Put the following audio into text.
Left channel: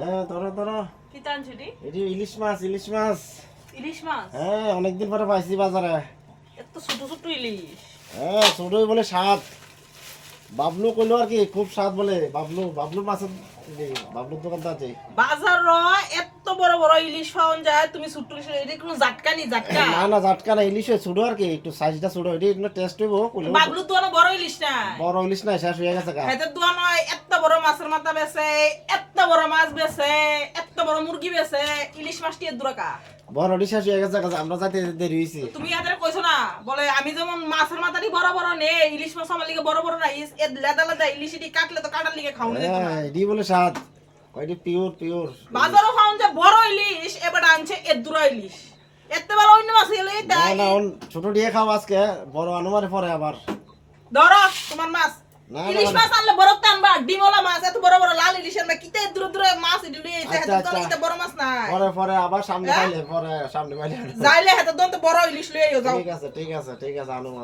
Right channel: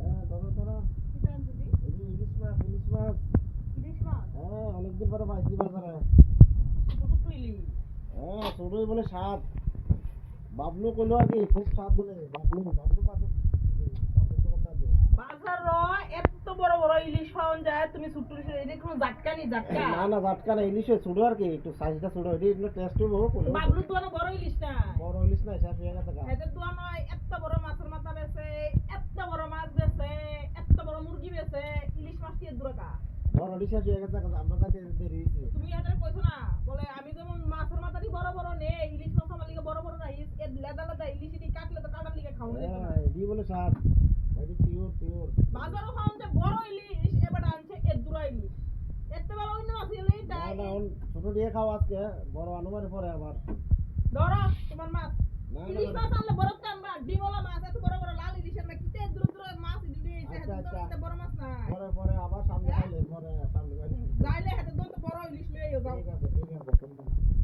হ্যাঁ ধরো ধরো। কি টানছি রে? এটি ইলিশ মাছ ইলিশ মাছ। ইলিশ মাছ? হ্যাঁ অনেকদিন পরে পাইছি বাজারে। এত ছোট ছোট ইলিশ। হ্যাঁ ছোটই বলে স্বাদ। বাবলু কইলো আর কি খুব স্বাদ বলে। বাবলু মাছের বাবলুর দোকানটা আছে। বাজার এত বড় বড় ইলিশ পাওয়া যায়, তুমি ছোট ইলিশ এটা কোনো জাটকা নি জাটকা? না না জাটকা না, ইলিশ ছোট আর কি, একটু সাইজটা ছোট, এটি একটু টেস্ট হইব। বাবলু তো বড় ইলিশ না। বড় ইলিশ না, শেষ হয়ে গেছে গা। হেতে দোয়া নয়, এত বড় মাছের মাথা বেচে, এত বড় মাছ বেচে, এত বড় মুরগি বেচে, ইলিশ মাছটি এর দুরাকা। বড় ইলিশ শেষ হয়ে গেছে গা, আমরা যাইতে দেরি হইছে। তুমি এদের কইছো না, বলে আমি যেমন মাছের মাথাটি বড় বড় নে, ইলিশ মাছ আমার লিগে বড় বড় না, এর লেদা লেদা ইলিশ এটি কাটলে তো কাটার লিগে খাওয়া যেত না। হ্যাঁ এটি বলে স্বাদ, ওইটি পিওর পিওর। বাজারও খাওন যে বড় ইলিশ, এবার আনছে এর দুরা ইলিশ। এত বড় অন্য মাছ এলে না তাই না ছোট দিয়ে খাও আজকে, বড় আনুমারে পরে আবার। ধরো তোমার মাছ। না, ইলিশ না, মাছ আনলে বড় টানবা, ডিমওয়ালা মাছ, এত বড় বড় লাল ইলিশ আনবা, কিতে দূর দূর মাছ এটি লইয়া আইছে, আচ্ছা, এত আচ্ছা। বড় মাছ নাই। পরে পরে আবার সামনে হ্যাঁ? পাইলে, পরে সামনে পাইলে। যাইলে হাতে দন্ত বড় ইলিশ লইয়া যাও। ঠিক আছে ঠিক আছে ঠিক আছে আনু।